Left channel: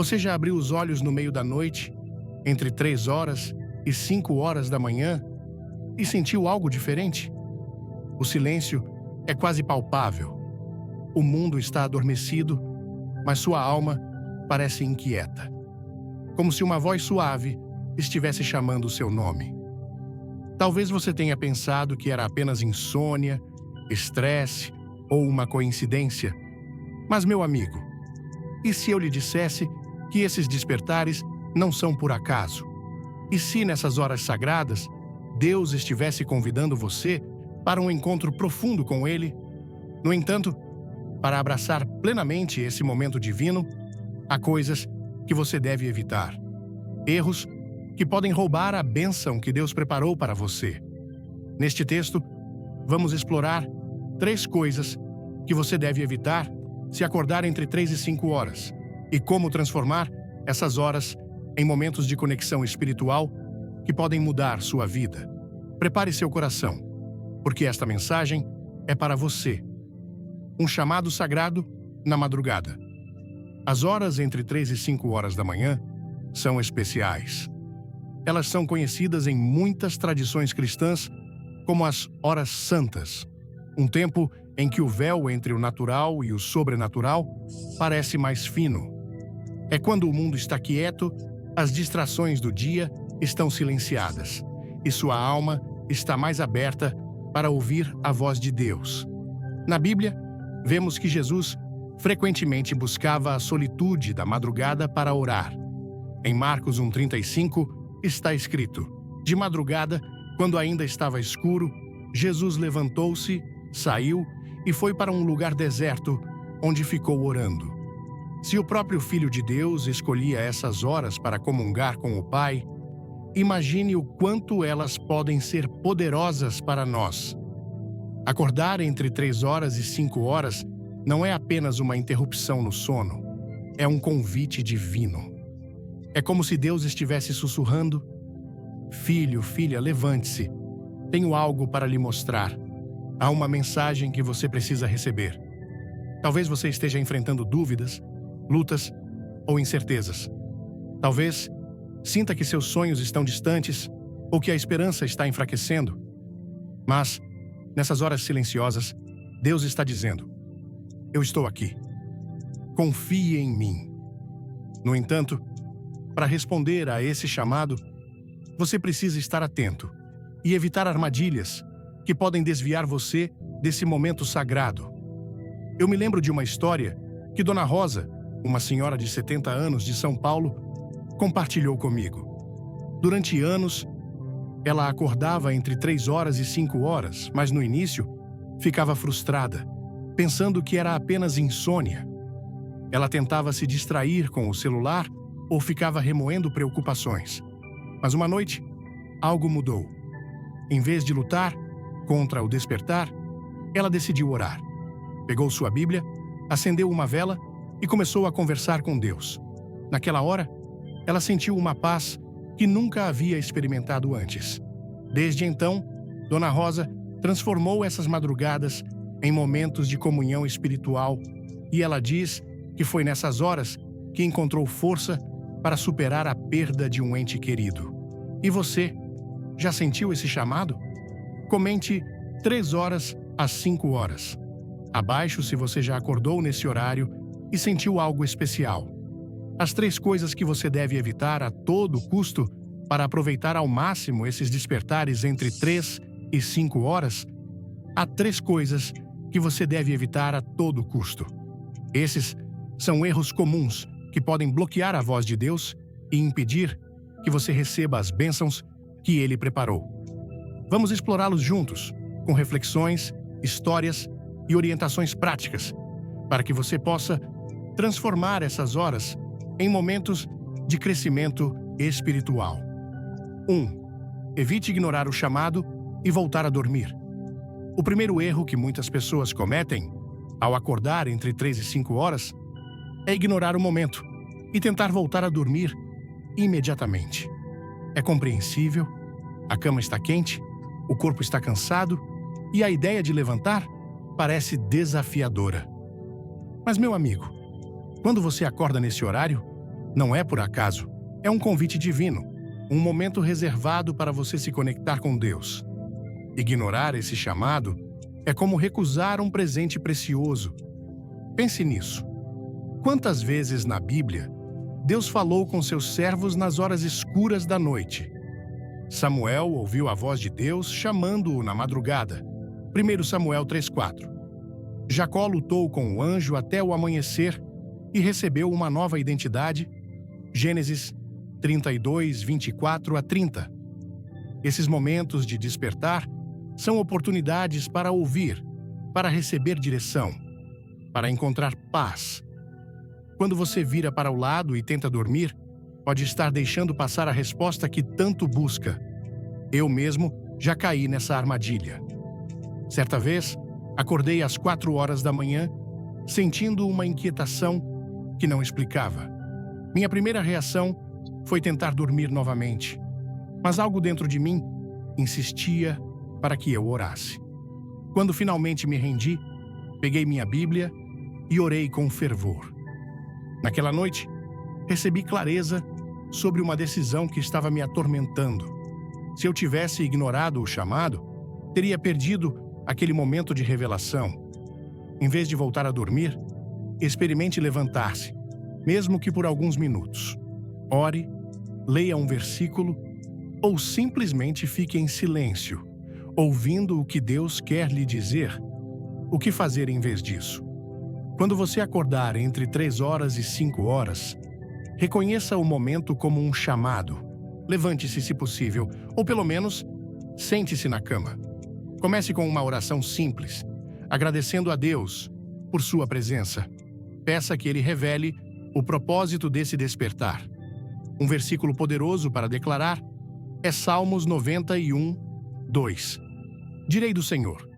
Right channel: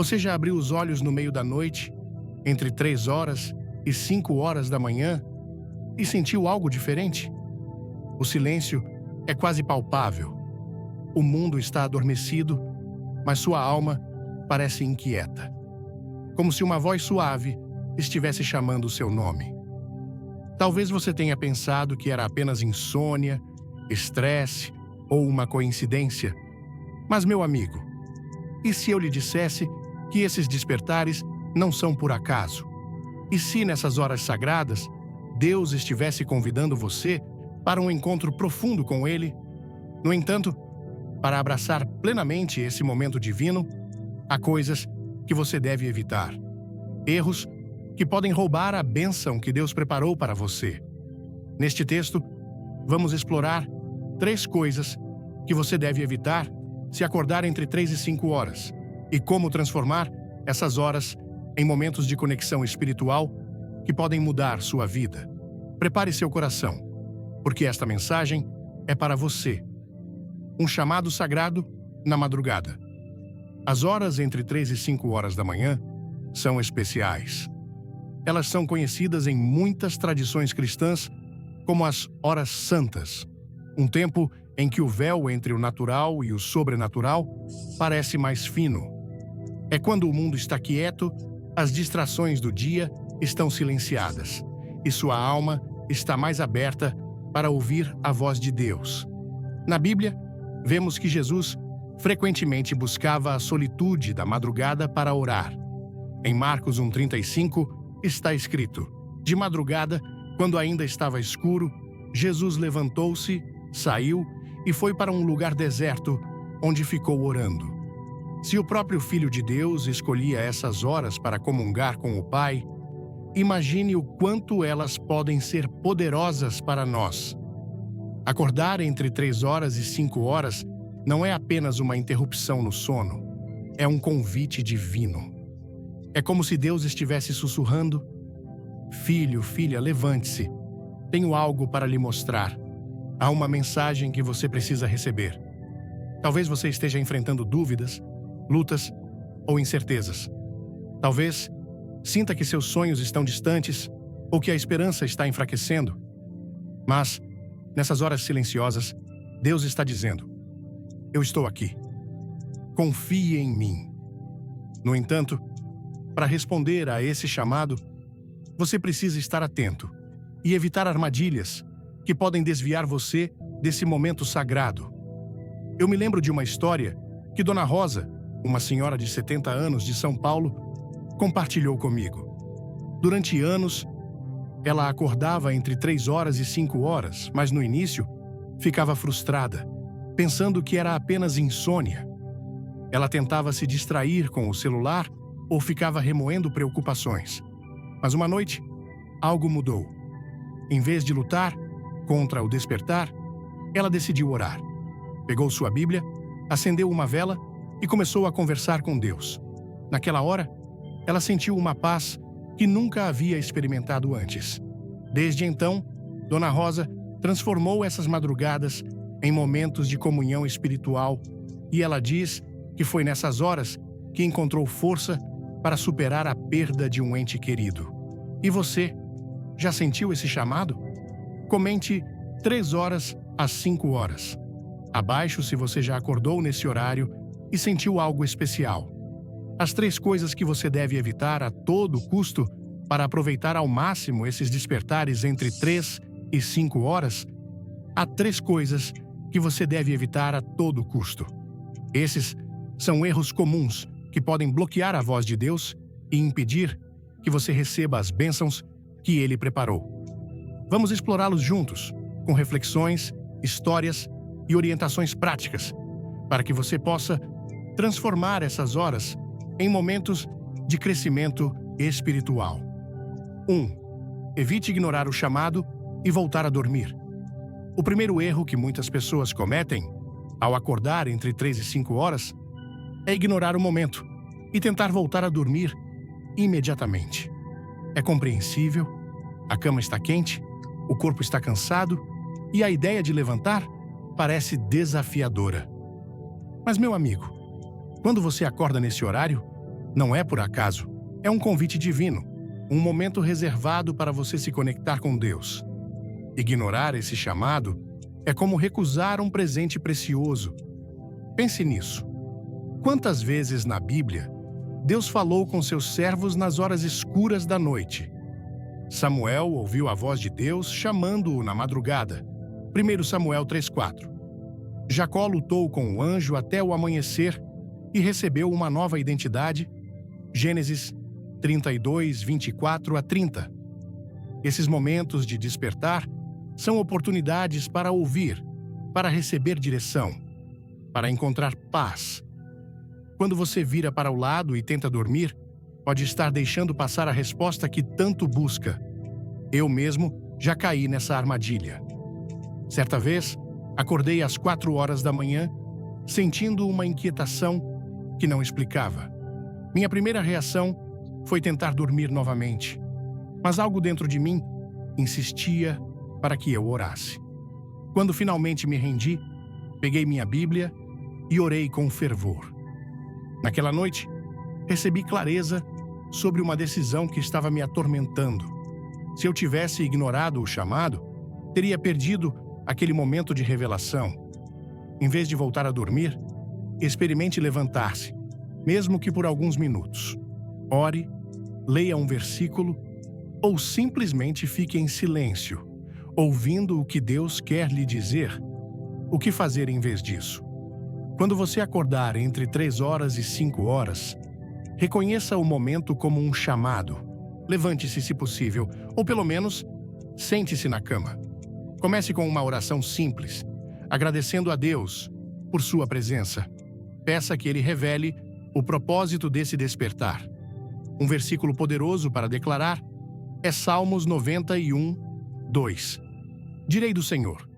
Você já abriu os olhos no meio da noite, entre 3 horas e 5 horas da manhã, e sentiu algo diferente? O silêncio é quase palpável. O mundo está adormecido, mas sua alma parece inquieta, como se uma voz suave estivesse chamando o seu nome. Talvez você tenha pensado que era apenas insônia, estresse ou uma coincidência. Mas, meu amigo, e se eu lhe dissesse que esses despertares não são por acaso? E se nessas horas sagradas, Deus estivesse convidando você para um encontro profundo com Ele? No entanto, para abraçar plenamente esse momento divino, há coisas que você deve evitar. Erros que podem roubar a bênção que Deus preparou para você. Neste texto, vamos explorar 3 coisas que você deve evitar se acordar entre 3 e 5 horas, e como transformar essas horas em momentos de conexão espiritual que podem mudar sua vida. Prepare seu coração, porque esta mensagem é para você. Um chamado sagrado na madrugada. As horas entre 3 e 5 horas da manhã são especiais. Elas são conhecidas em muitas tradições cristãs como as horas santas, um tempo em que o véu entre o natural e o sobrenatural parece mais fino. É quando o mundo está quieto, as distrações do dia estão silenciadas e sua alma está mais aberta para ouvir a voz de Deus. Na Bíblia, vemos que Jesus frequentemente buscava a solitude da madrugada para orar. Em Marcos 1,35 está escrito: de madrugada, quando ainda estava escuro, Jesus levantou-se, saiu e foi para um lugar deserto, onde ficou orando. Se o próprio Filho de Deus escolhia essas horas para comungar com o Pai, imagine o quanto elas podem ser poderosas para nós. Acordar entre 3 horas e 5 horas não é apenas uma interrupção no sono, é um convite divino. É como se Deus estivesse sussurrando: filho, filha, levante-se. Tenho algo para lhe mostrar. Há uma mensagem que você precisa receber. Talvez você esteja enfrentando dúvidas, lutas ou incertezas. Talvez sinta que seus sonhos estão distantes ou que a esperança está enfraquecendo. Mas, nessas horas silenciosas, Deus está dizendo: eu estou aqui. Confie em mim. No entanto, para responder a esse chamado, você precisa estar atento e evitar armadilhas que podem desviar você desse momento sagrado. Eu me lembro de uma história que Dona Rosa, uma senhora de 70 anos de São Paulo, compartilhou comigo. Durante anos, ela acordava entre 3 horas e 5 horas, mas no início ficava frustrada, pensando que era apenas insônia. Ela tentava se distrair com o celular ou ficava remoendo preocupações. Mas uma noite, algo mudou. Em vez de lutar contra o despertar, ela decidiu orar. Pegou sua Bíblia, acendeu uma vela e começou a conversar com Deus. Naquela hora, ela sentiu uma paz que nunca havia experimentado antes. Desde então, Dona Rosa transformou essas madrugadas em momentos de comunhão espiritual, e ela diz que foi nessas horas que encontrou força para superar a perda de um ente querido. E você, já sentiu esse chamado? Comente 3 horas às 5 horas. Abaixo se você já acordou nesse horário e sentiu algo especial. As 3 coisas que você deve evitar a todo custo para aproveitar ao máximo esses despertares entre 3 e 5 horas. Há 3 coisas que você deve evitar a todo custo. Esses são erros comuns que podem bloquear a voz de Deus e impedir que você receba as bênçãos que Ele preparou. Vamos explorá-los juntos, com reflexões, histórias e orientações práticas, para que você possa transformar essas horas em momentos de crescimento espiritual. 1. Evite ignorar o chamado e voltar a dormir. O primeiro erro que muitas pessoas cometem, ao acordar entre 3 e 5 horas, é ignorar o momento e tentar voltar a dormir imediatamente. É compreensível, a cama está quente, o corpo está cansado e a ideia de levantar parece desafiadora. Mas, meu amigo, quando você acorda nesse horário, Não é por acaso. É um convite divino, um momento reservado para você se conectar com Deus. Ignorar esse chamado é como recusar um presente precioso. Pense nisso. Quantas vezes na Bíblia Deus falou com seus servos nas horas escuras da noite? Samuel ouviu a voz de Deus chamando-o na madrugada. 1 Samuel 3,4. Jacó lutou com o anjo até o amanhecer e recebeu uma nova identidade. Gênesis 32, 24 a 30. Esses momentos de despertar são oportunidades para ouvir, para receber direção, para encontrar paz. Quando você vira para o lado e tenta dormir, pode estar deixando passar a resposta que tanto busca. Eu mesmo já caí nessa armadilha. Certa vez, acordei às 4 horas da manhã, sentindo uma inquietação que não explicava. Minha primeira reação foi tentar dormir novamente, mas algo dentro de mim insistia para que eu orasse. Quando finalmente me rendi, peguei minha Bíblia e orei com fervor. Naquela noite, recebi clareza sobre uma decisão que estava me atormentando. Se eu tivesse ignorado o chamado, teria perdido aquele momento de revelação. Em vez de voltar a dormir, experimente levantar-se, mesmo que por alguns minutos. Ore, leia um versículo ou simplesmente fique em silêncio, ouvindo o que Deus quer lhe dizer. O que fazer em vez disso? Quando você acordar entre 3 horas e 5 horas, reconheça o momento como um chamado. Levante-se se possível, ou pelo menos, sente-se na cama. Comece com uma oração simples, agradecendo a Deus por sua presença. Peça que Ele revele o propósito desse despertar. Um versículo poderoso para declarar é Salmos 91, 2. Direi do Senhor:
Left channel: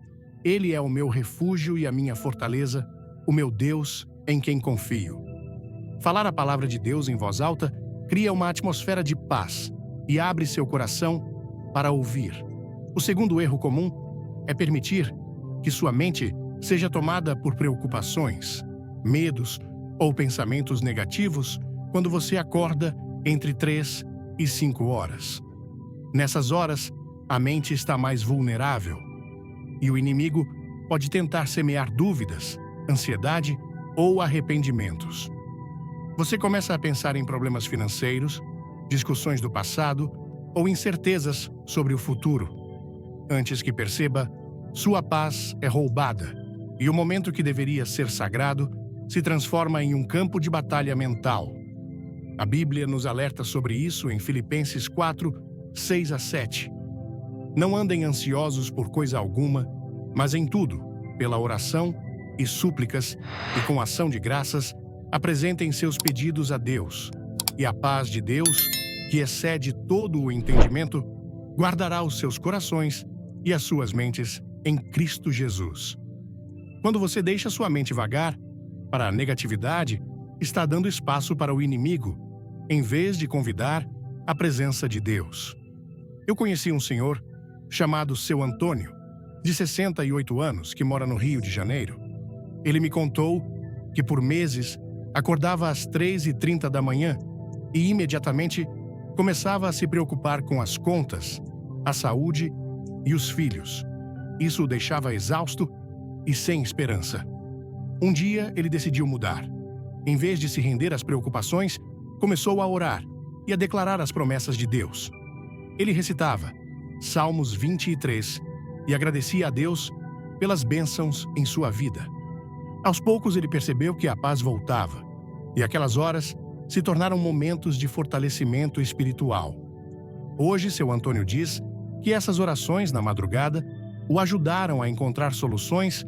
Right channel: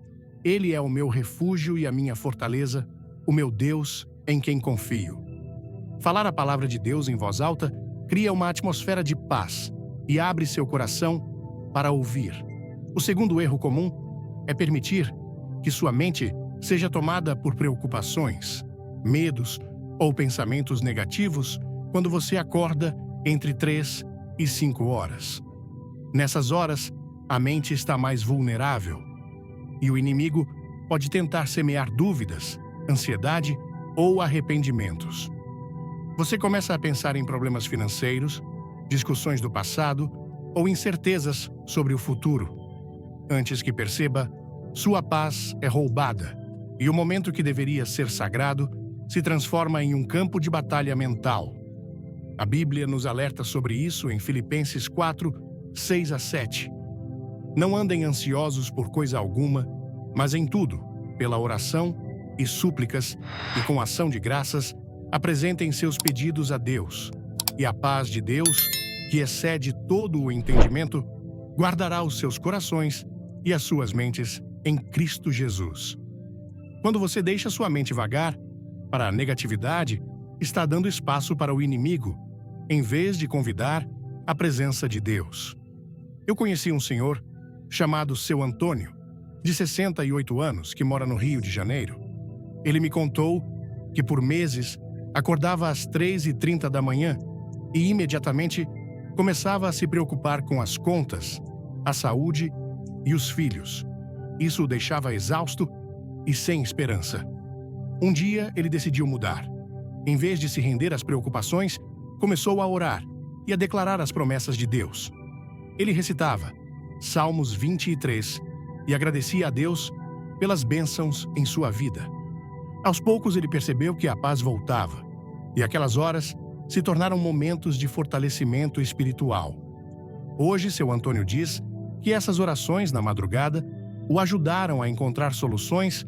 Ele é o meu refúgio e a minha fortaleza, o meu Deus em quem confio. Falar a palavra de Deus em voz alta cria uma atmosfera de paz e abre seu coração para ouvir. O segundo erro comum é permitir que sua mente seja tomada por preocupações, medos ou pensamentos negativos quando você acorda entre 3 e 5 horas. Nessas horas, a mente está mais vulnerável e o inimigo pode tentar semear dúvidas, ansiedade ou arrependimentos. Você começa a pensar em problemas financeiros, discussões do passado ou incertezas sobre o futuro. Antes que perceba, sua paz é roubada e o momento que deveria ser sagrado se transforma em um campo de batalha mental. A Bíblia nos alerta sobre isso em Filipenses 4, 6 a 7. Não andem ansiosos por coisa alguma, mas em tudo, pela oração e súplicas e com ação de graças, apresentem seus pedidos a Deus. E a paz de Deus, que excede todo o entendimento, guardará os seus corações e as suas mentes em Cristo Jesus. Quando você deixa sua mente vagar para a negatividade, está dando espaço para o inimigo, em vez de convidar a presença de Deus. Eu conheci um senhor chamado Seu Antônio, de 68 anos, que mora no Rio de Janeiro. Ele me contou que por meses acordava às 3h30 da manhã e imediatamente começava a se preocupar com as contas, a saúde e os filhos. Isso o deixava exausto e sem esperança. Um dia ele decidiu mudar. Em vez de se render às preocupações, começou a orar e a declarar as promessas de Deus. Ele recitava Salmos 23 e agradecia a Deus pelas bênçãos em sua vida. Aos poucos ele percebeu que a paz voltava, e aquelas horas se tornaram momentos de fortalecimento espiritual. Hoje, Seu Antônio diz que essas orações na madrugada o ajudaram a encontrar soluções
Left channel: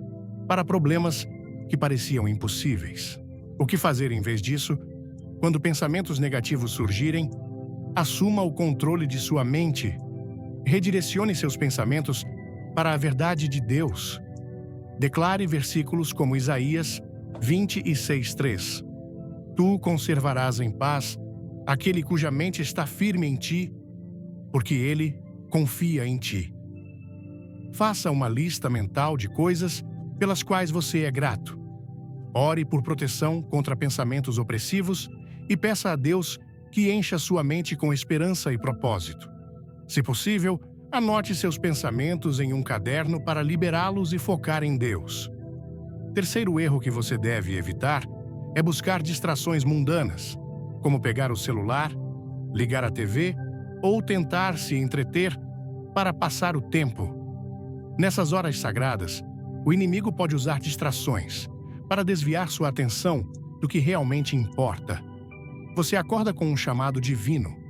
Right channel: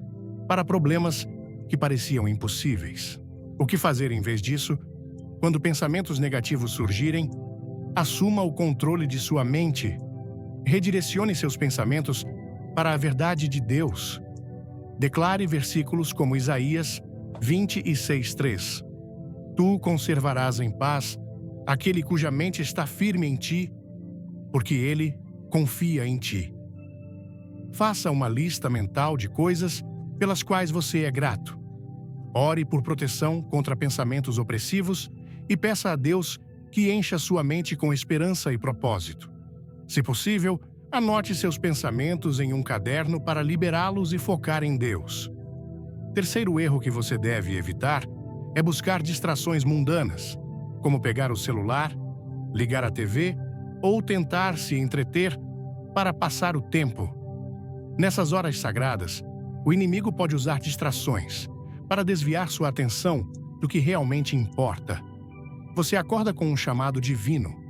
para problemas que pareciam impossíveis. O que fazer em vez disso? Quando pensamentos negativos surgirem, assuma o controle de sua mente. Redirecione seus pensamentos para a verdade de Deus. Declare versículos como Isaías 26:3. Tu conservarás em paz aquele cuja mente está firme em ti, porque ele confia em ti. Faça uma lista mental de coisas pelas quais você é grato. Ore por proteção contra pensamentos opressivos e peça a Deus que encha sua mente com esperança e propósito. Se possível, anote seus pensamentos em um caderno para liberá-los e focar em Deus. Terceiro erro que você deve evitar é buscar distrações mundanas, como pegar o celular, ligar a TV ou tentar se entreter para passar o tempo. Nessas horas sagradas, o inimigo pode usar distrações para desviar sua atenção do que realmente importa. Você acorda com um chamado divino,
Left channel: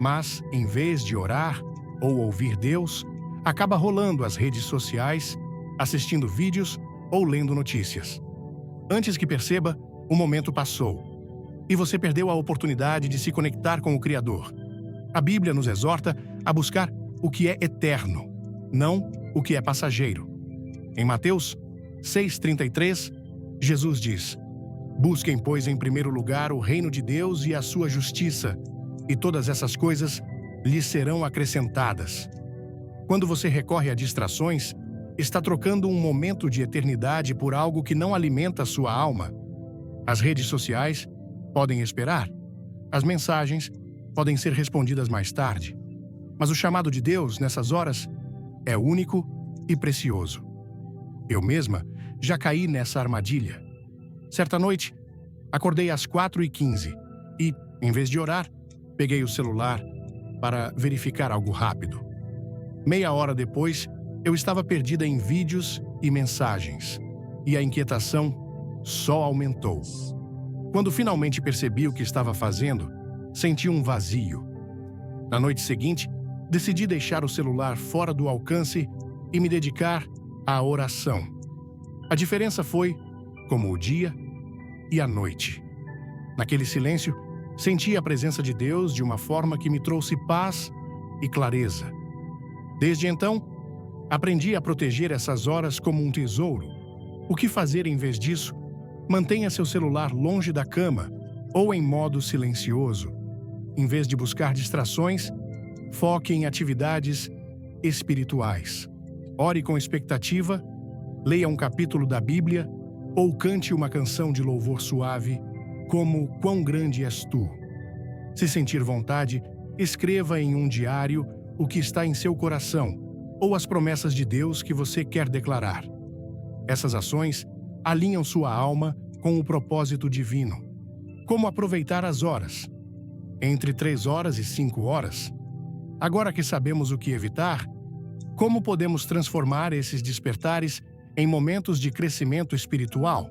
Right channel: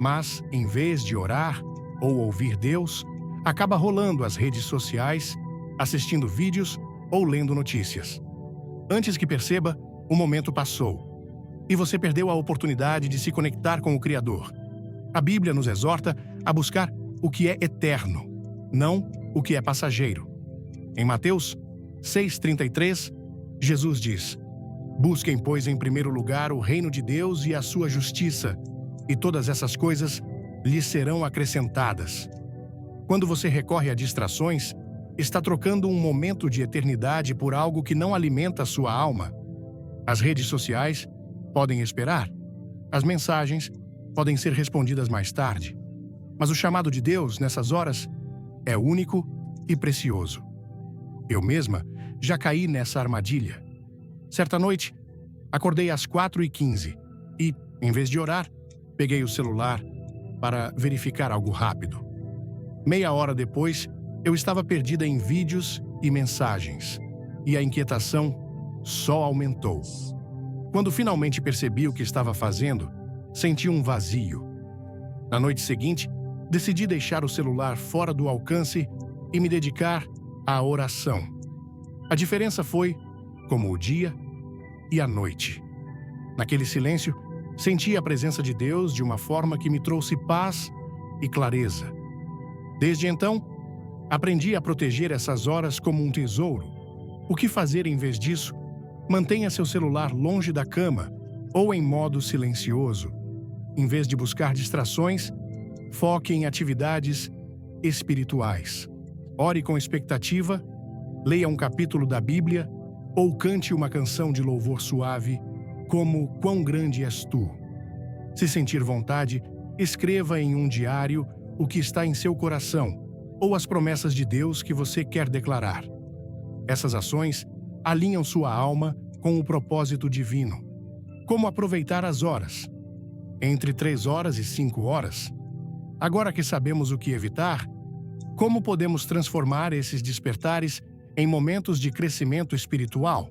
mas, em vez de orar ou ouvir Deus, acaba rolando as redes sociais, assistindo vídeos ou lendo notícias. Antes que perceba, o momento passou e você perdeu a oportunidade de se conectar com o Criador. A Bíblia nos exorta a buscar o que é eterno, não o que é passageiro. Em Mateus 6,33, Jesus diz: "Busquem, pois, em primeiro lugar o reino de Deus e a sua justiça, e todas essas coisas lhes serão acrescentadas." Quando você recorre a distrações, está trocando um momento de eternidade por algo que não alimenta sua alma. As redes sociais podem esperar. As mensagens podem ser respondidas mais tarde. Mas o chamado de Deus, nessas horas, é único e precioso. Eu mesma já caí nessa armadilha. Certa noite, acordei às 4h15 e, em vez de orar, peguei o celular para verificar algo rápido. Meia hora depois, eu estava perdida em vídeos e mensagens, e a inquietação só aumentou. Quando finalmente percebi o que estava fazendo, senti um vazio. Na noite seguinte, decidi deixar o celular fora do alcance e me dedicar à oração. A diferença foi como o dia e a noite. Naquele silêncio, senti a presença de Deus de uma forma que me trouxe paz e clareza. Desde então, aprendi a proteger essas horas como um tesouro. O que fazer em vez disso? Mantenha seu celular longe da cama ou em modo silencioso. Em vez de buscar distrações, foque em atividades espirituais. Ore com expectativa, leia um capítulo da Bíblia ou cante uma canção de louvor suave, como "Quão Grande És Tu". Se sentir vontade, escreva em um diário o que está em seu coração ou as promessas de Deus que você quer declarar. Essas ações alinham sua alma com o propósito divino. Como aproveitar as horas? Entre 3 horas e 5 horas. Agora que sabemos o que evitar, como podemos transformar esses despertares em momentos de crescimento espiritual?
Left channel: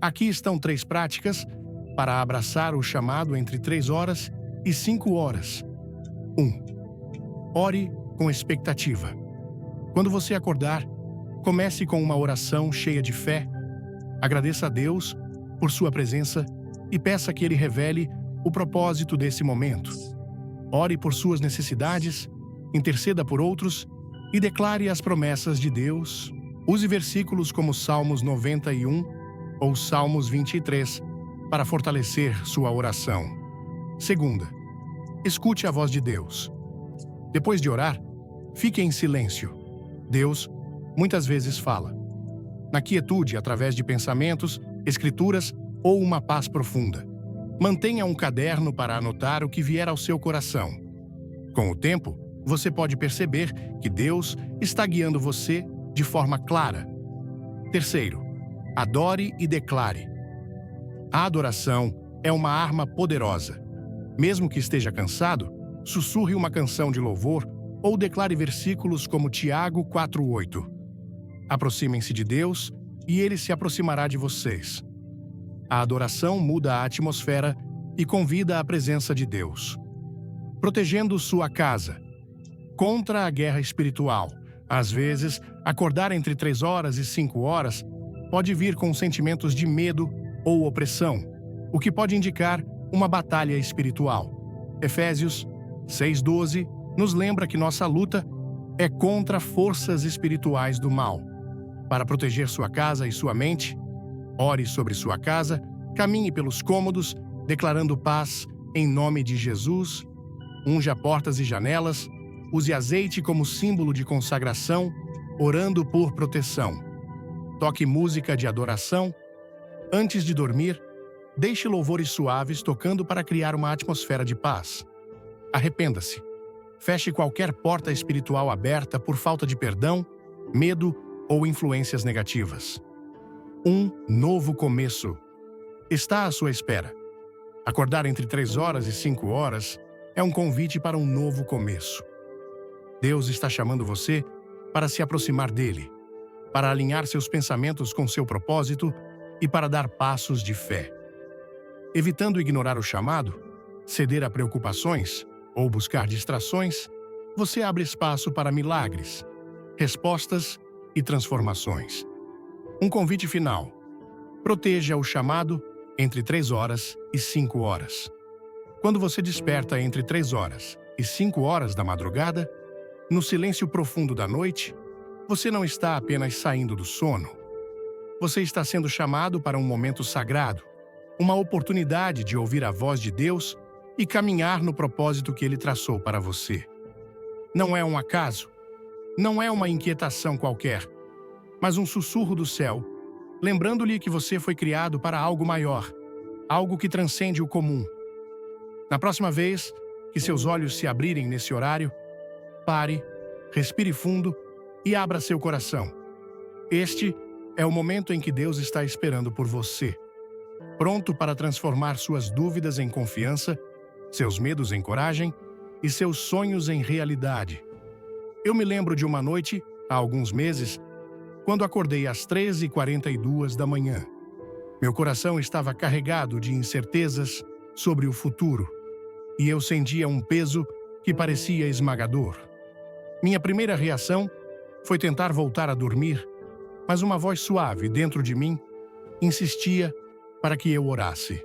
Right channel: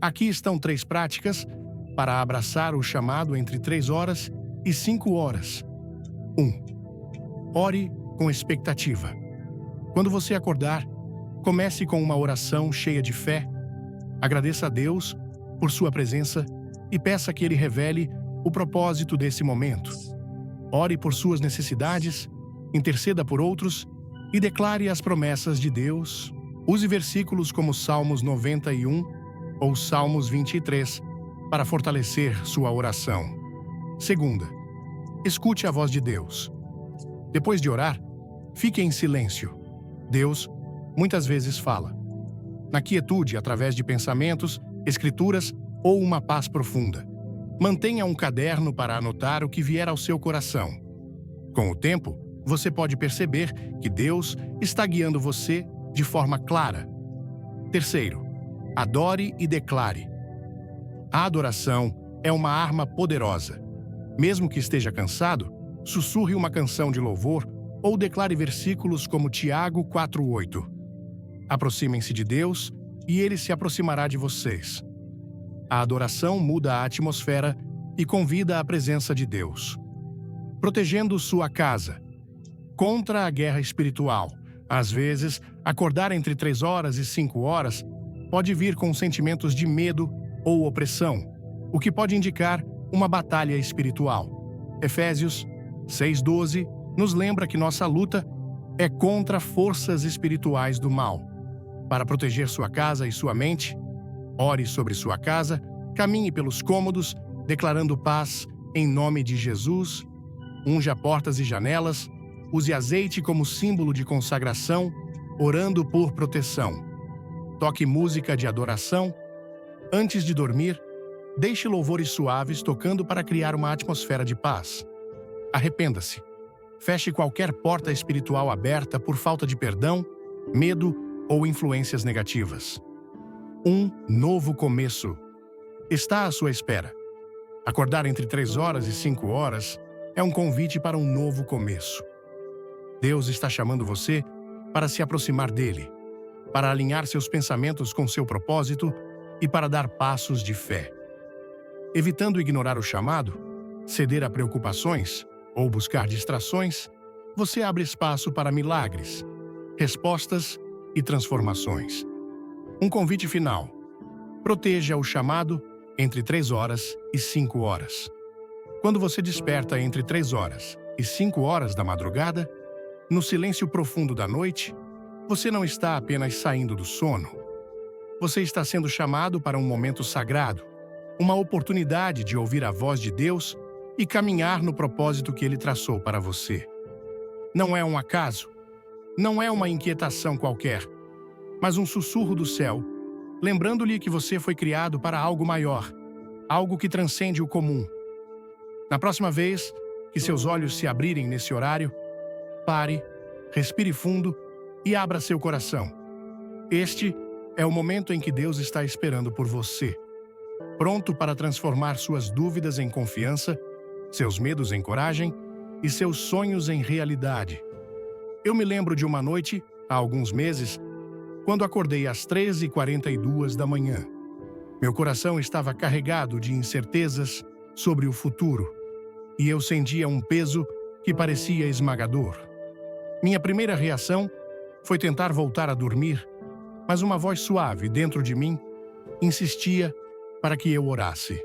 Aqui estão 3 práticas para abraçar o chamado entre 3 horas e 5 horas. 1. Ore com expectativa. Quando você acordar, comece com uma oração cheia de fé. Agradeça a Deus por sua presença e peça que Ele revele o propósito desse momento. Ore por suas necessidades, interceda por outros e declare as promessas de Deus. Use versículos como Salmos 91 ou Salmos 23 para fortalecer sua oração. 2. Escute a voz de Deus. Depois de orar, fique em silêncio. Deus muitas vezes fala. Na quietude, através de pensamentos, escrituras ou uma paz profunda. Mantenha um caderno para anotar o que vier ao seu coração. Com o tempo, você pode perceber que Deus está guiando você de forma clara. 3. Adore e declare. A adoração é uma arma poderosa. Mesmo que esteja cansado, sussurre uma canção de louvor ou declare versículos como Tiago 4:8. Aproximem-se de Deus e Ele se aproximará de vocês. A adoração muda a atmosfera e convida à presença de Deus. Protegendo sua casa. Contra a guerra espiritual. Às vezes, acordar entre 3 horas e 5 horas pode vir com sentimentos de medo ou opressão, o que pode indicar uma batalha espiritual. Efésios 6:12 nos lembra que nossa luta é contra forças espirituais do mal. Para proteger sua casa e sua mente, ore sobre sua casa, caminhe pelos cômodos, declarando paz em nome de Jesus, unja portas e janelas, use azeite como símbolo de consagração, orando por proteção. Toque música de adoração. Antes de dormir, Deixe louvores suaves tocando para criar uma atmosfera de paz. Arrependa-se. Feche qualquer porta espiritual aberta por falta de perdão, medo ou influências negativas. Um novo começo está à sua espera. Acordar entre 3 horas e 5 horas é um convite para um novo começo. Deus está chamando você para se aproximar dele, para alinhar seus pensamentos com seu propósito e para dar passos de fé. Evitando ignorar o chamado, ceder a preocupações ou buscar distrações, você abre espaço para milagres, respostas e transformações. Um convite final. Proteja o chamado entre 3 horas e 5 horas. Quando você desperta entre 3 horas e 5 horas da madrugada, no silêncio profundo da noite, você não está apenas saindo do sono. Você está sendo chamado para um momento sagrado, uma oportunidade de ouvir a voz de Deus e caminhar no propósito que Ele traçou para você. Não é um acaso, não é uma inquietação qualquer, mas um sussurro do céu, lembrando-lhe que você foi criado para algo maior, algo que transcende o comum. Na próxima vez que seus olhos se abrirem nesse horário, pare, respire fundo e abra seu coração. Este é o momento em que Deus está esperando por você, pronto para transformar suas dúvidas em confiança, seus medos em coragem e seus sonhos em realidade. Eu me lembro de uma noite, há alguns meses, quando acordei às 3h42 da manhã. Meu coração estava carregado de incertezas sobre o futuro, e eu sentia um peso que parecia esmagador. Minha primeira reação foi tentar voltar a dormir, mas uma voz suave dentro de mim insistia para que eu orasse.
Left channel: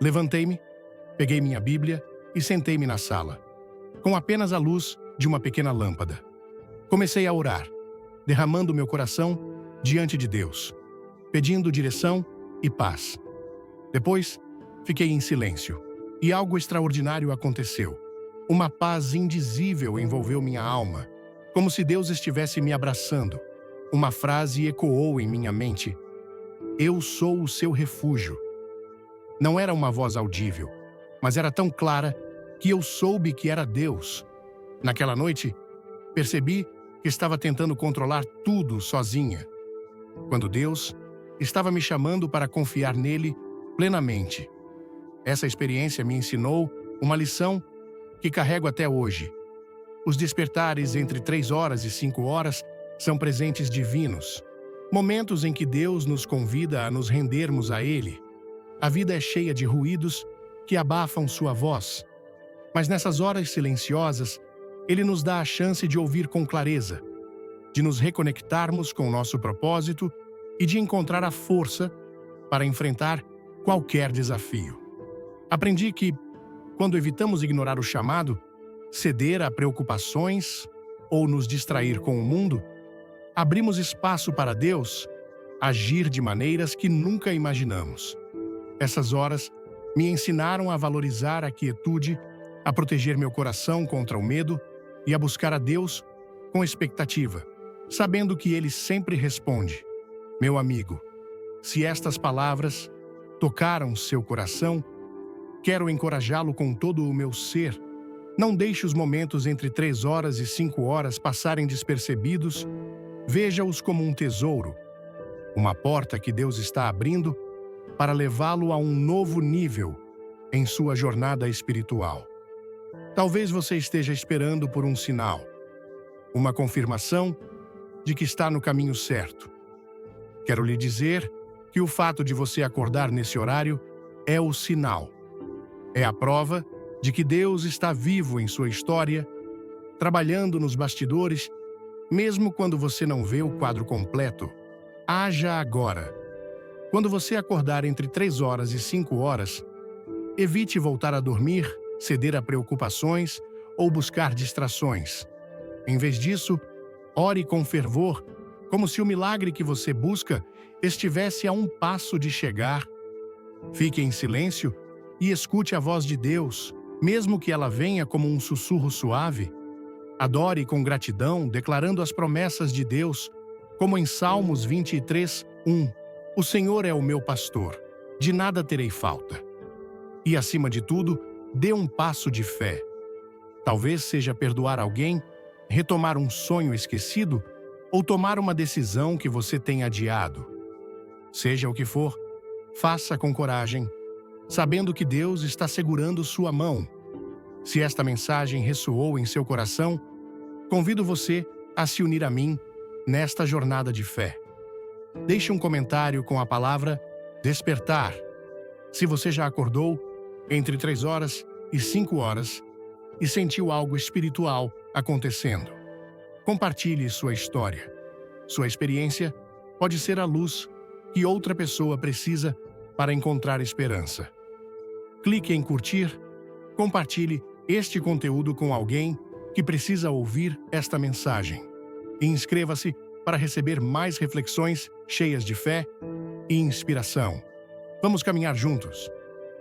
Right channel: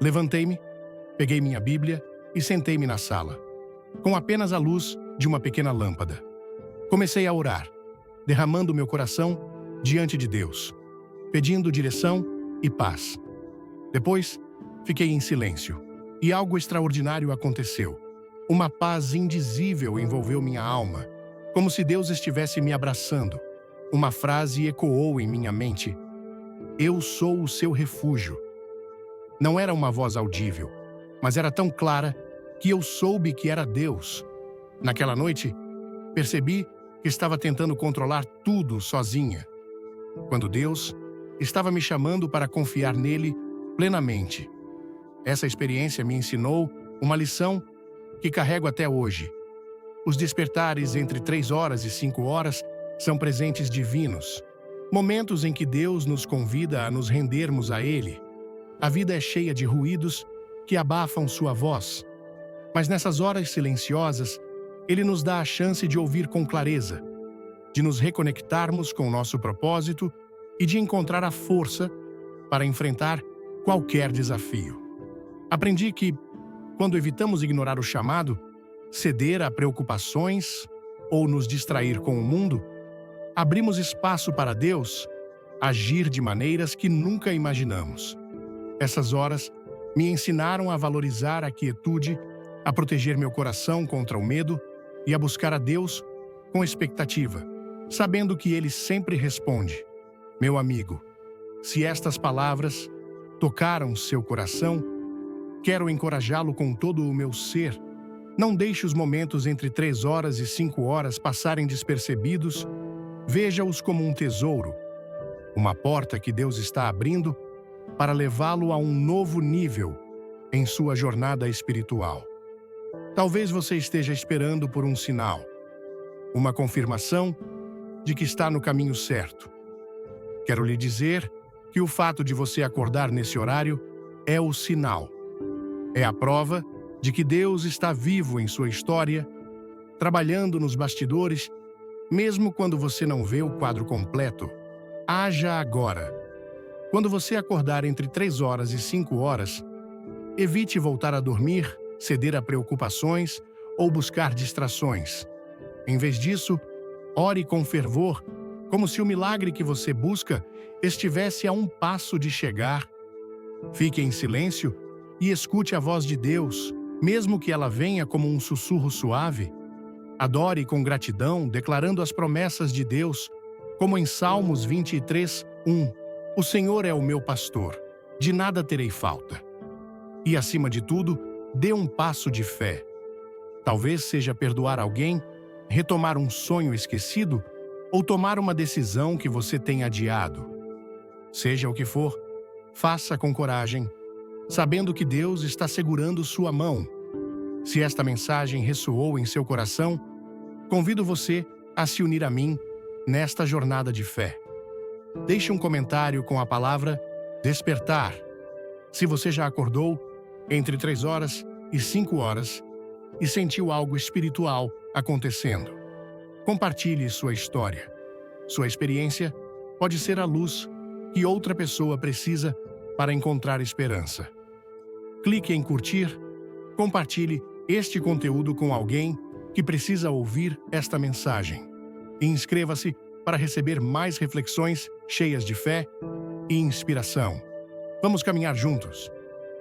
Levantei-me, peguei minha Bíblia e sentei-me na sala, com apenas a luz de uma pequena lâmpada. Comecei a orar, derramando meu coração diante de Deus, pedindo direção e paz. Depois, fiquei em silêncio, e algo extraordinário aconteceu. Uma paz indizível envolveu minha alma, como se Deus estivesse me abraçando. Uma frase ecoou em minha mente: "Eu sou o seu refúgio." Não era uma voz audível, mas era tão clara que eu soube que era Deus. Naquela noite, percebi que estava tentando controlar tudo sozinha, quando Deus estava me chamando para confiar nele plenamente. Essa experiência me ensinou uma lição que carrego até hoje. Os despertares entre 3 horas e 5 horas são presentes divinos, momentos em que Deus nos convida a nos rendermos a Ele. A vida é cheia de ruídos que abafam sua voz, mas nessas horas silenciosas, Ele nos dá a chance de ouvir com clareza, de nos reconectarmos com o nosso propósito e de encontrar a força para enfrentar qualquer desafio. Aprendi que, quando evitamos ignorar o chamado, ceder a preocupações ou nos distrair com o mundo, abrimos espaço para Deus agir de maneiras que nunca imaginamos. Essas horas me ensinaram a valorizar a quietude, a proteger meu coração contra o medo e a buscar a Deus com expectativa, sabendo que Ele sempre responde. Meu amigo, se estas palavras tocaram seu coração, quero encorajá-lo com todo o meu ser. Não deixe os momentos entre 3 horas e 5 horas passarem despercebidos. Veja-os como um tesouro, uma porta que Deus está abrindo para levá-lo a um novo nível em sua jornada espiritual. Talvez você esteja esperando por um sinal, uma confirmação de que está no caminho certo. Quero lhe dizer que o fato de você acordar nesse horário é o sinal. É a prova de que Deus está vivo em sua história, trabalhando nos bastidores, mesmo quando você não vê o quadro completo. Haja agora. Quando você acordar entre 3 horas e 5 horas, evite voltar a dormir, ceder a preocupações ou buscar distrações. Em vez disso, ore com fervor, como se o milagre que você busca estivesse a um passo de chegar. Fique em silêncio e escute a voz de Deus, mesmo que ela venha como um sussurro suave. Adore com gratidão, declarando as promessas de Deus, como em Salmos 23:1. O Senhor é o meu pastor, de nada terei falta. E, acima de tudo, dê um passo de fé. Talvez seja perdoar alguém, retomar um sonho esquecido ou tomar uma decisão que você tem adiado. Seja o que for, faça com coragem, sabendo que Deus está segurando sua mão. Se esta mensagem ressoou em seu coração, convido você a se unir a mim nesta jornada de fé. Deixe um comentário com a palavra despertar. Se você já acordou entre 3 horas e 5 horas e sentiu algo espiritual acontecendo, compartilhe sua história. Sua experiência pode ser a luz que outra pessoa precisa para encontrar esperança. Clique em curtir, compartilhe este conteúdo com alguém que precisa ouvir esta mensagem. E inscreva-se para receber mais reflexões cheias de fé e inspiração. Vamos caminhar juntos,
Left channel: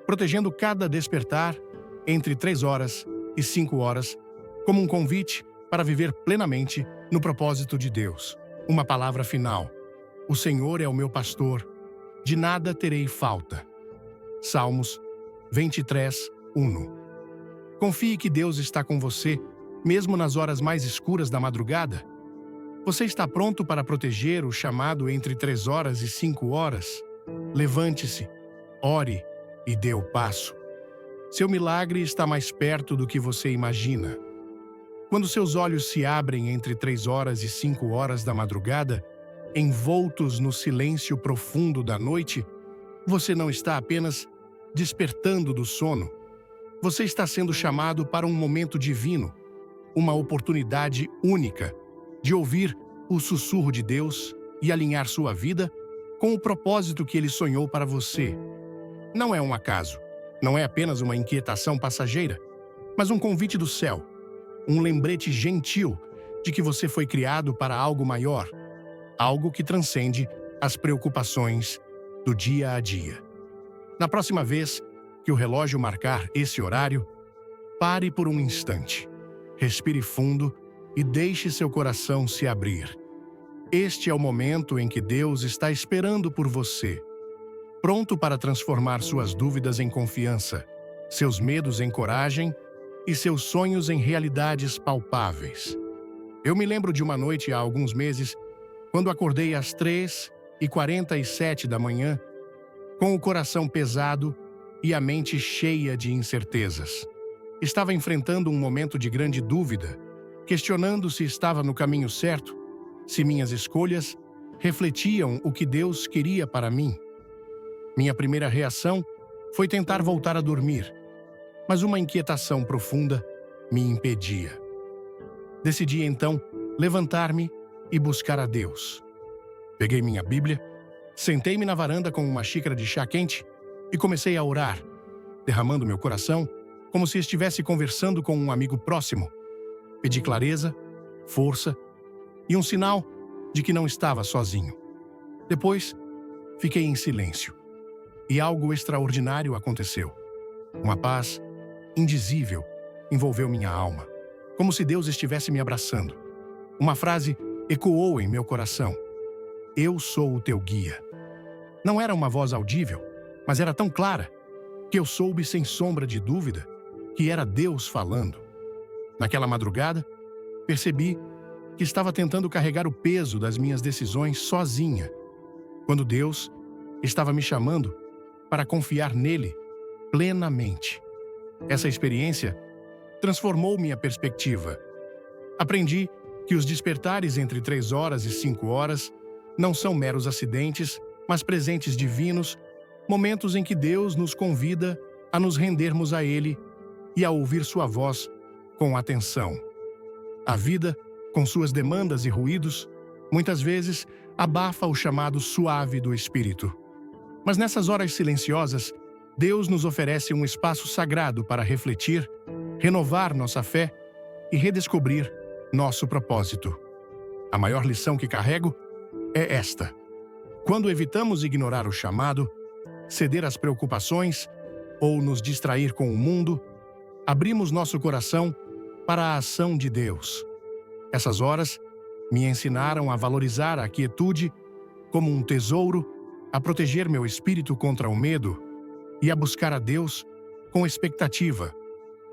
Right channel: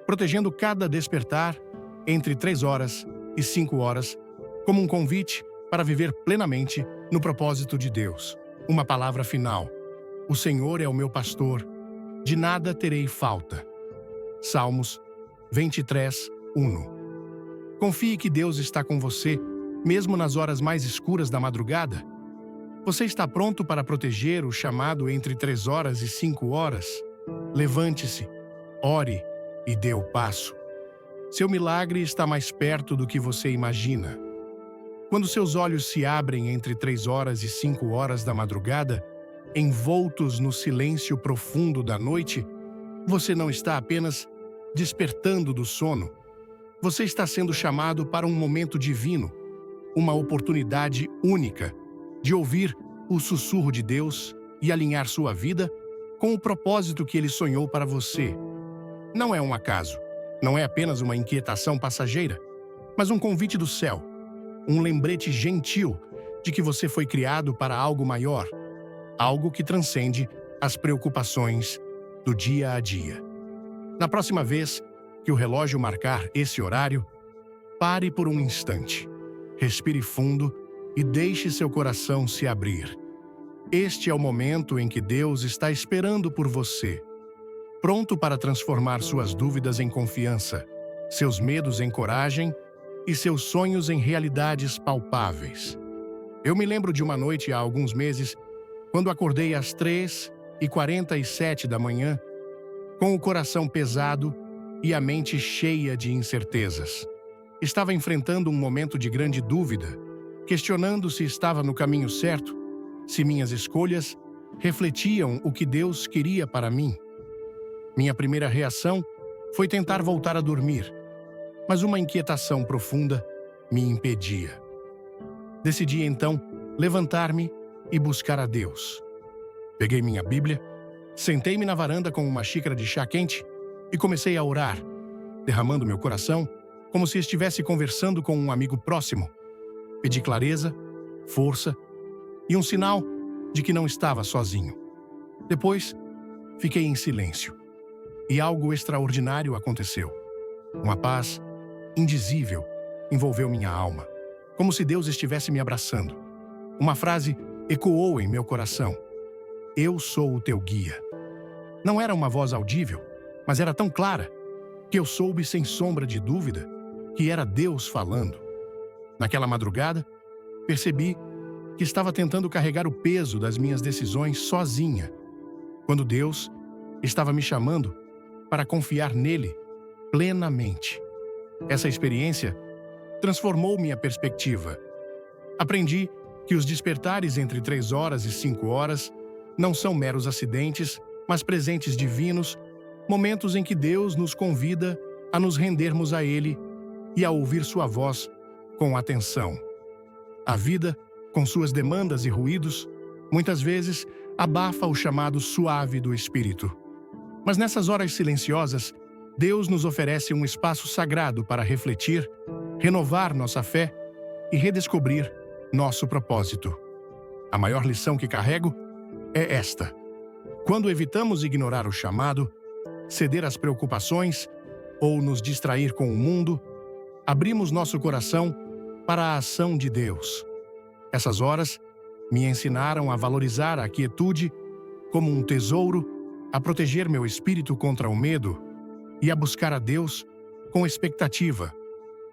protegendo cada despertar entre 3 horas e 5 horas, como um convite para viver plenamente no propósito de Deus. Uma palavra final: o Senhor é o meu pastor, de nada terei falta. Salmos 23, 1. Confie que Deus está com você, mesmo nas horas mais escuras da madrugada. Você está pronto para proteger o chamado entre 3 horas e 5 horas? Levante-se, ore e dê o passo. Seu milagre está mais perto do que você imagina. Quando seus olhos se abrem entre 3 horas e 5 horas da madrugada, envoltos no silêncio profundo da noite, você não está apenas despertando do sono. Você está sendo chamado para um momento divino, uma oportunidade única de ouvir o sussurro de Deus e alinhar sua vida com o propósito que Ele sonhou para você. Não é um acaso, não é apenas uma inquietação passageira, mas um convite do céu, um lembrete gentil de que você foi criado para algo maior, algo que transcende as preocupações do dia a dia. Na próxima vez que o relógio marcar esse horário, pare por um instante, respire fundo e deixe seu coração se abrir. Este é o momento em que Deus está esperando por você, pronto para transformar suas dúvidas em confiança, seus medos em coragem e seus sonhos em realidades palpáveis. Eu me lembro de uma noite há alguns meses, quando acordei às 3h47 da manhã, com o coração pesado e a mente cheia de incertezas. Estava enfrentando um momento de grande dúvida, questionando se estava no caminho certo, se minhas escolhas refletiam o que Deus queria para mim. Minha primeira reação foi tentar voltar a dormir, mas uma inquietação profunda me impedia. Decidi então levantar-me e buscar a Deus. Peguei minha Bíblia, sentei-me na varanda com uma xícara de chá quente e comecei a orar, derramando meu coração como se estivesse conversando com um amigo próximo. Pedi clareza, força e um sinal de que não estava sozinho. Depois, fiquei em silêncio e algo extraordinário aconteceu. Uma paz indizível envolveu minha alma, como se Deus estivesse me abraçando. Uma frase ecoou em meu coração: "Eu sou o teu guia." Não era uma voz audível, mas era tão clara que eu soube sem sombra de dúvida que era Deus falando. Naquela madrugada, percebi que estava tentando carregar o peso das minhas decisões sozinha, quando Deus estava me chamando para confiar nele plenamente. Essa experiência transformou minha perspectiva. Aprendi que os despertares entre 3 horas e 5 horas não são meros acidentes, mas presentes divinos, momentos em que Deus nos convida a nos rendermos a Ele e a ouvir sua voz com atenção. A vida, com suas demandas e ruídos, muitas vezes abafa o chamado suave do Espírito. Mas nessas horas silenciosas, Deus nos oferece um espaço sagrado para refletir, renovar nossa fé e redescobrir nosso propósito. A maior lição que carrego é esta: quando evitamos ignorar o chamado, ceder às preocupações ou nos distrair com o mundo, abrimos nosso coração para a ação de Deus. Essas horas me ensinaram a valorizar a quietude como um tesouro a proteger meu espírito contra o medo e a buscar a Deus com expectativa,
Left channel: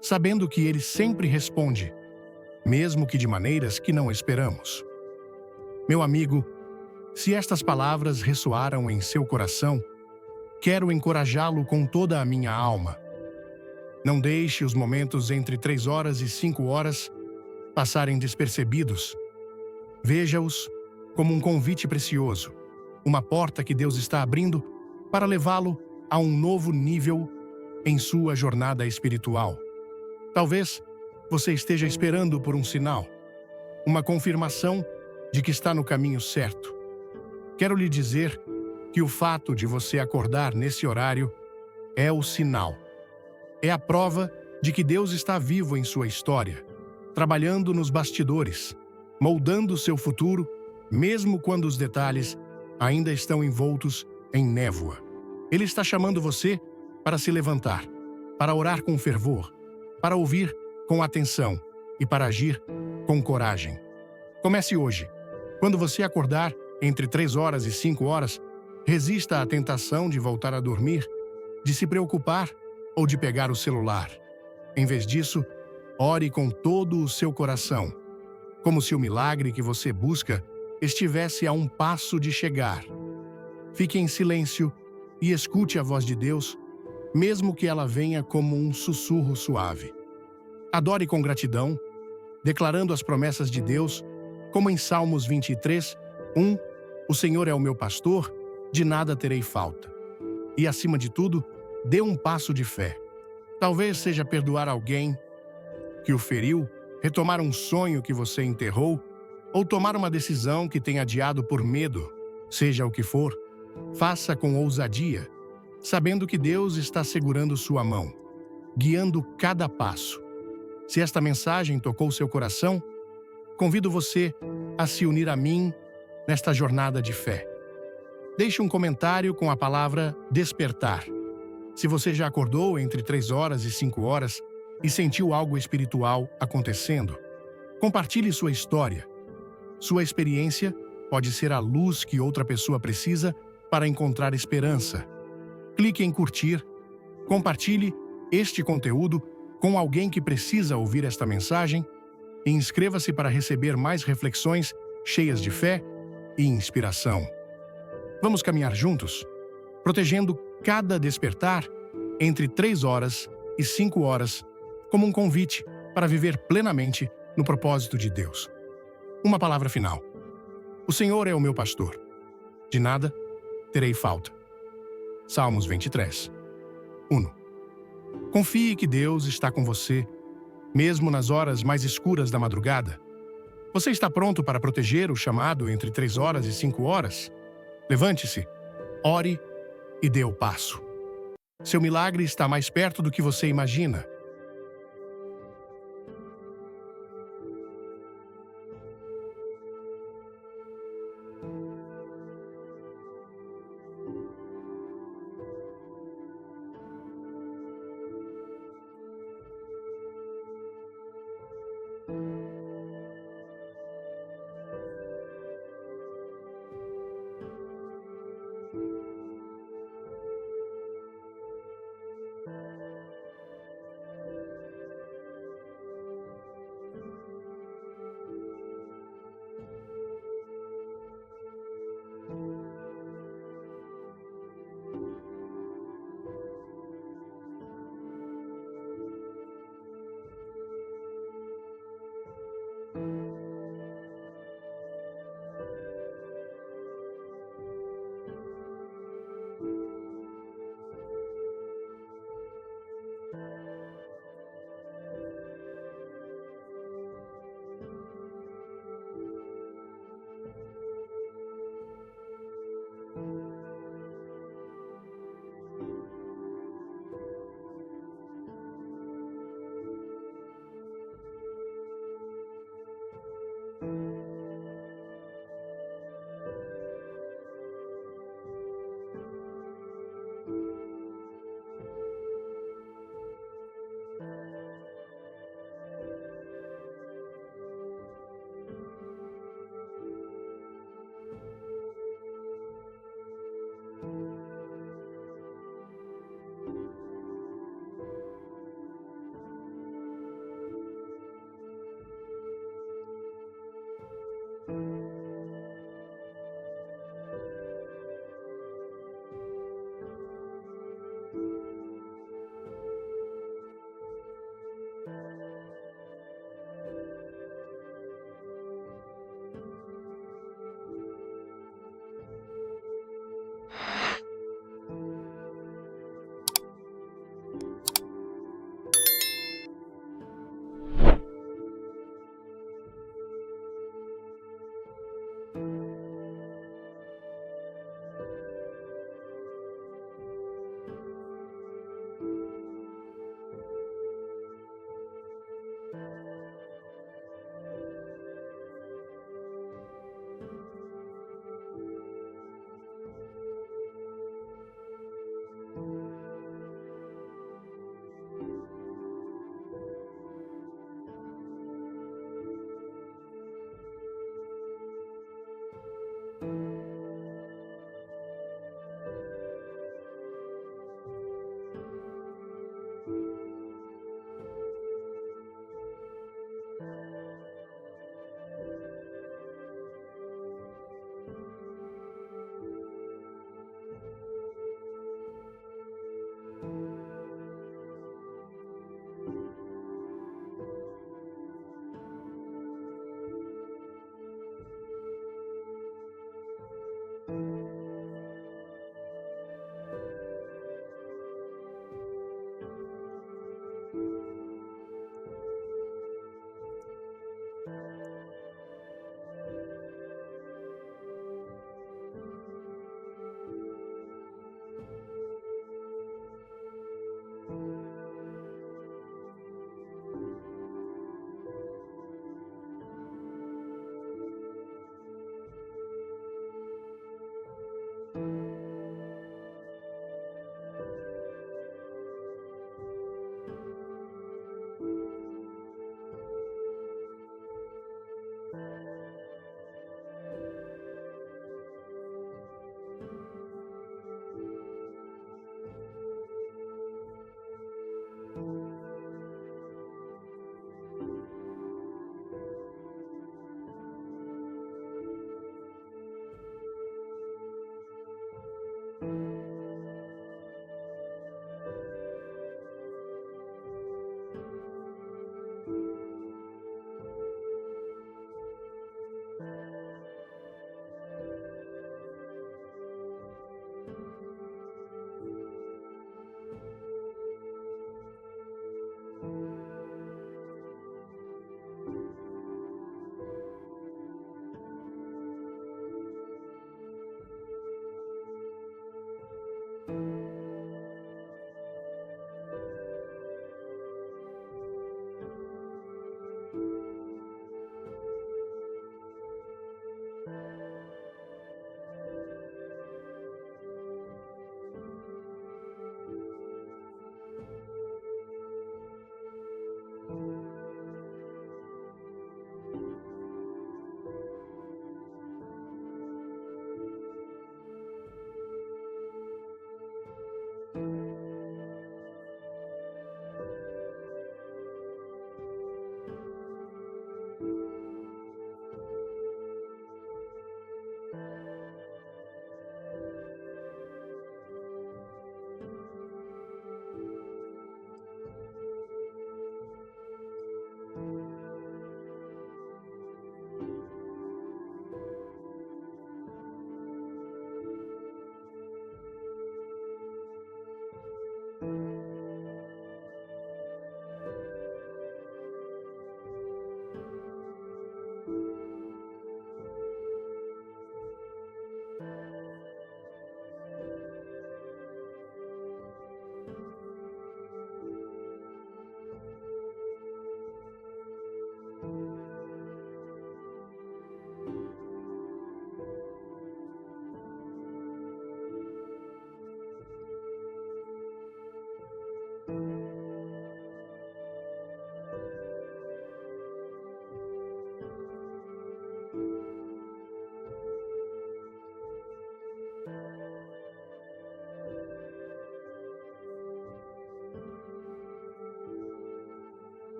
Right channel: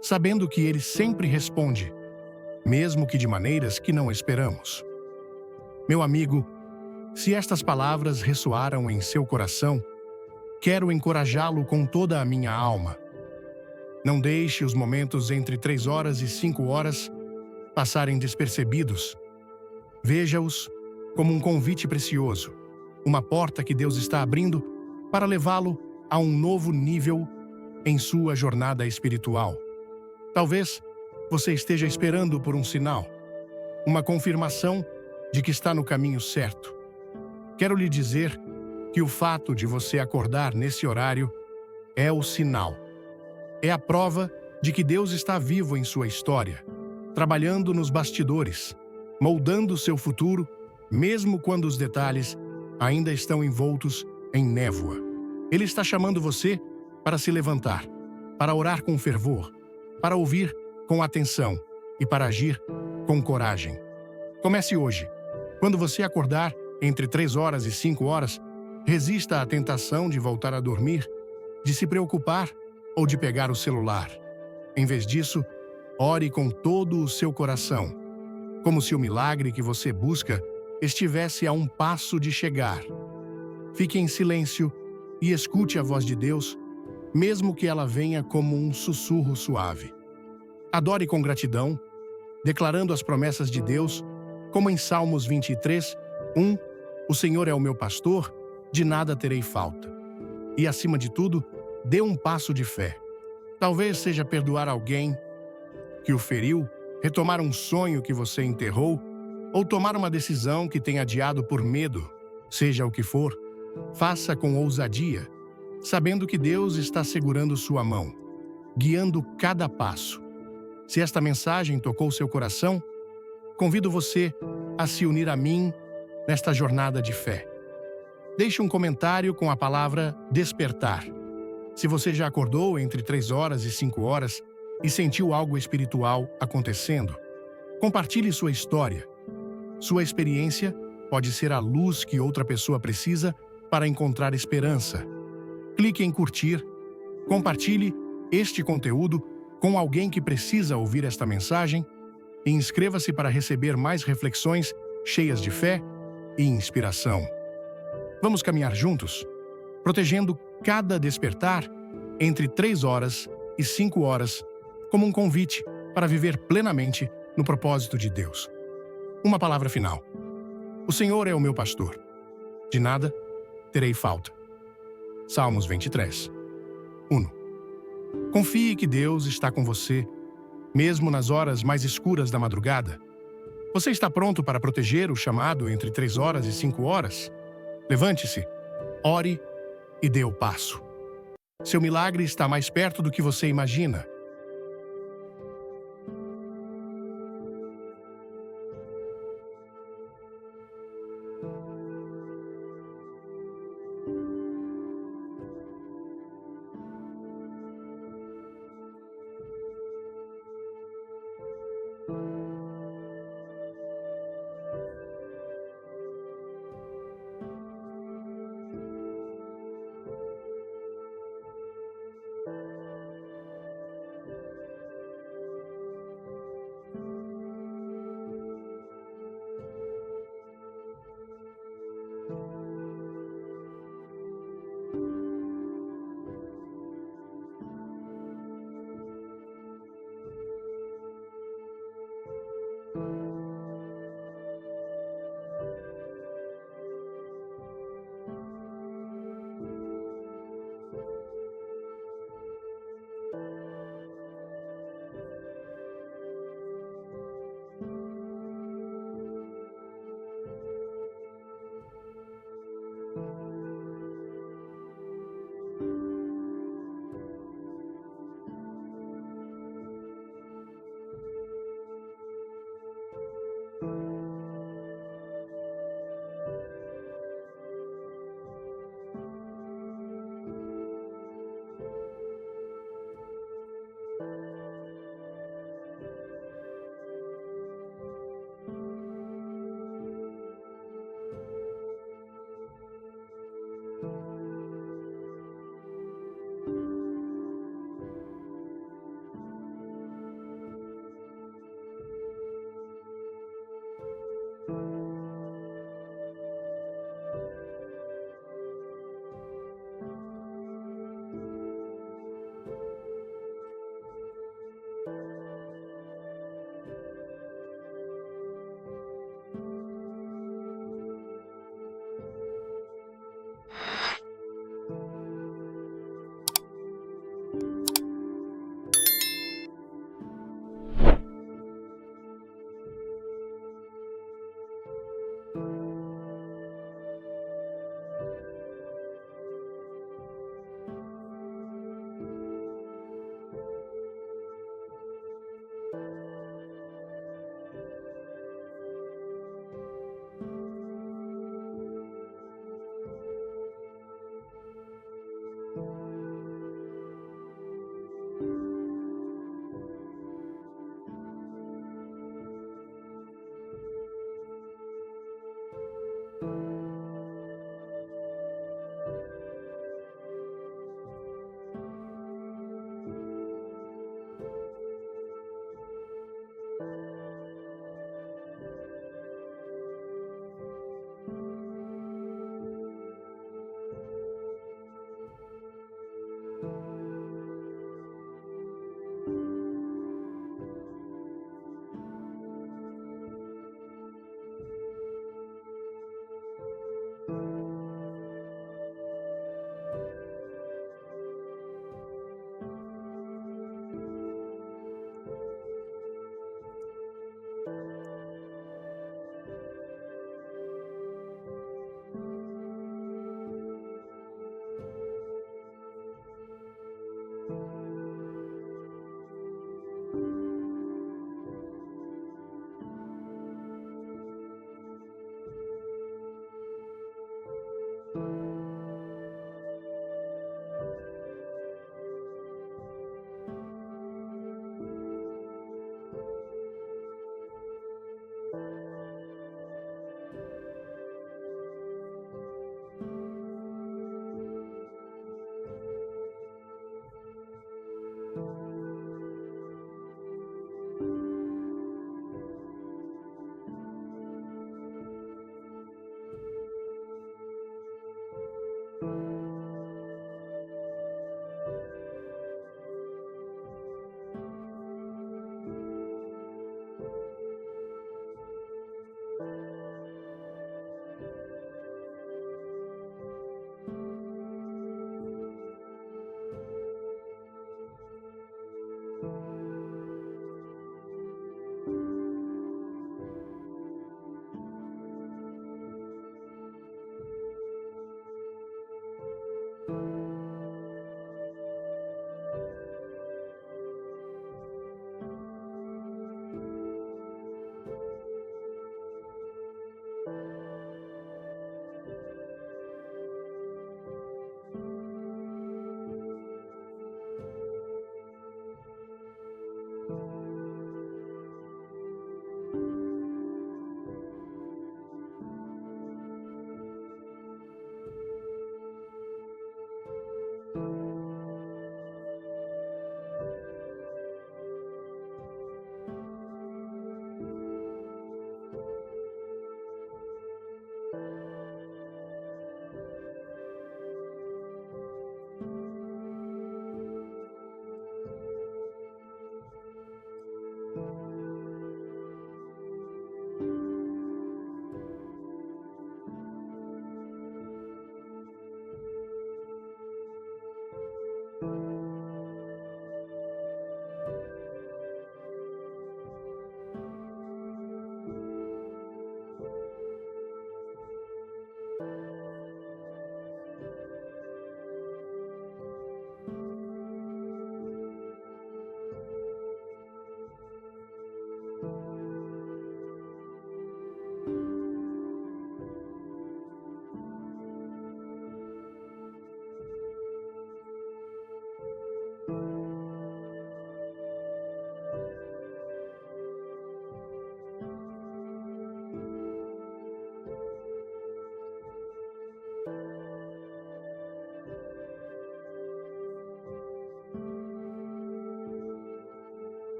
sabendo que Ele sempre responde, mesmo que de maneiras que não esperamos. Meu amigo, se estas palavras ressoaram em seu coração, quero encorajá-lo com toda a minha alma. Não deixe os momentos entre 3 horas e 5 horas passarem despercebidos. Veja-os como um convite precioso, uma porta que Deus está abrindo para levá-lo a um novo nível em sua jornada espiritual. Talvez você esteja esperando por um sinal, uma confirmação de que está no caminho certo. Quero lhe dizer que o fato de você acordar nesse horário é o sinal. É a prova de que Deus está vivo em sua história, trabalhando nos bastidores, moldando seu futuro, mesmo quando os detalhes ainda estão envoltos em névoa. Ele está chamando você para se levantar, para orar com fervor, para ouvir com atenção e para agir com coragem. Comece hoje. Quando você acordar entre 3 horas e 5 horas, resista à tentação de voltar a dormir, de se preocupar ou de pegar o celular. Em vez disso, ore com todo o seu coração, como se o milagre que você busca estivesse a um passo de chegar. Fique em silêncio e escute a voz de Deus, mesmo que ela venha como um sussurro suave. Adore com gratidão, declarando as promessas de Deus, como em Salmos 23, 1, o Senhor é o meu pastor, de nada terei falta. E, acima de tudo, dê um passo de fé. Talvez seja perdoar alguém que o feriu, retomar um sonho que você enterrou, ou tomar uma decisão que tem adiado por medo. Seja o que for, faça com ousadia, sabendo que Deus está segurando sua mão, guiando cada passo. Se esta mensagem tocou seu coração, convido você a se unir a mim nesta jornada de fé. Deixe um comentário com a palavra despertar. Se você já acordou entre 3 horas e 5 horas e sentiu algo espiritual acontecendo, compartilhe sua história. Sua experiência pode ser a luz que outra pessoa precisa para encontrar esperança. Clique em curtir, compartilhe este conteúdo com alguém que precisa ouvir esta mensagem e inscreva-se para receber mais reflexões cheias de fé e inspiração. Vamos caminhar juntos, protegendo cada despertar entre 3 horas e 5 horas como um convite para viver plenamente no propósito de Deus. Uma palavra final. O Senhor é o meu pastor. De nada terei falta. Salmos 23, 1. Confie que Deus está com você, mesmo nas horas mais escuras da madrugada. Você está pronto para proteger o chamado entre 3 horas e 5 horas? Levante-se, ore e dê o passo. Seu milagre está mais perto do que você imagina.